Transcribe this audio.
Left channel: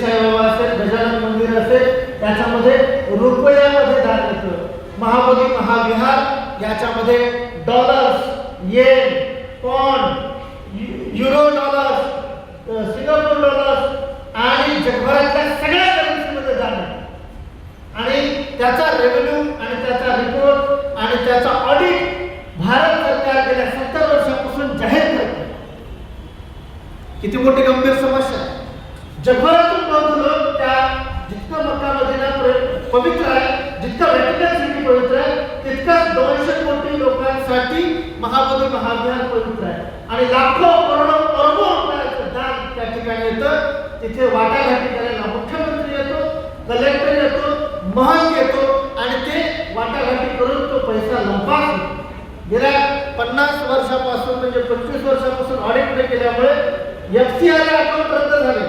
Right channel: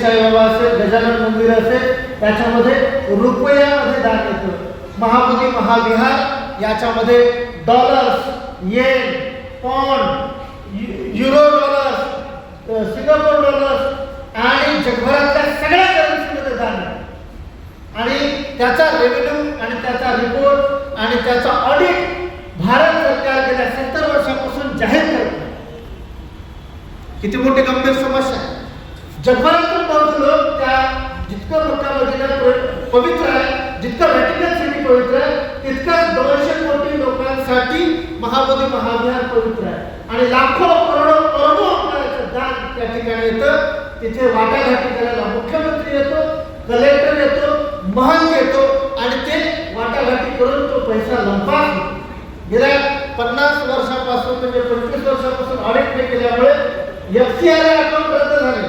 साईबाबा असेल, गजानन मंदिर असेल, याच्यामध्ये रुपयामध्ये दान येतं. महाबोधी महाविहार याच्यामध्ये dollars, yen, pound, euro dollars, Singapore dollars आणि जगभरातल्या सगळ्या करन्सीमध्ये दान आहे. आणि त्याचा रेव्हेन्यू आणि त्याचा रिपोर्ट आणि त्याचा ऑडिट भारत सरकार गेल्या 70 वर्षापासून जाहीर करत आहे. किती मोठी गंभीर समस्या आहे. जगभरातून बहुत लोक त्या जितकं मक्का मदिना पवित्र आहे, जितकं व्हॅटिकन सिटी पवित्र आहे, तितकंच 200 कोटी लोकांसाठी महाबोधी महाविहार पवित्र आहे. आणि लाखो करोडो अरबो रुपयाचं दान त्या ठिकाणी येतं. तिथे वाटाघाटी करायला मुख्यमंत्री येतो, कलेक्टर येतो, महंत येतो आणि ते वाटाघाटी करून तो पैसा लंपास होतो. गेल्या 50 वर्षापासून म्हणजे 25 वर्षापासून ऑडिट नाही केल्यामुळे FCI अकाउंट रद्द झाले.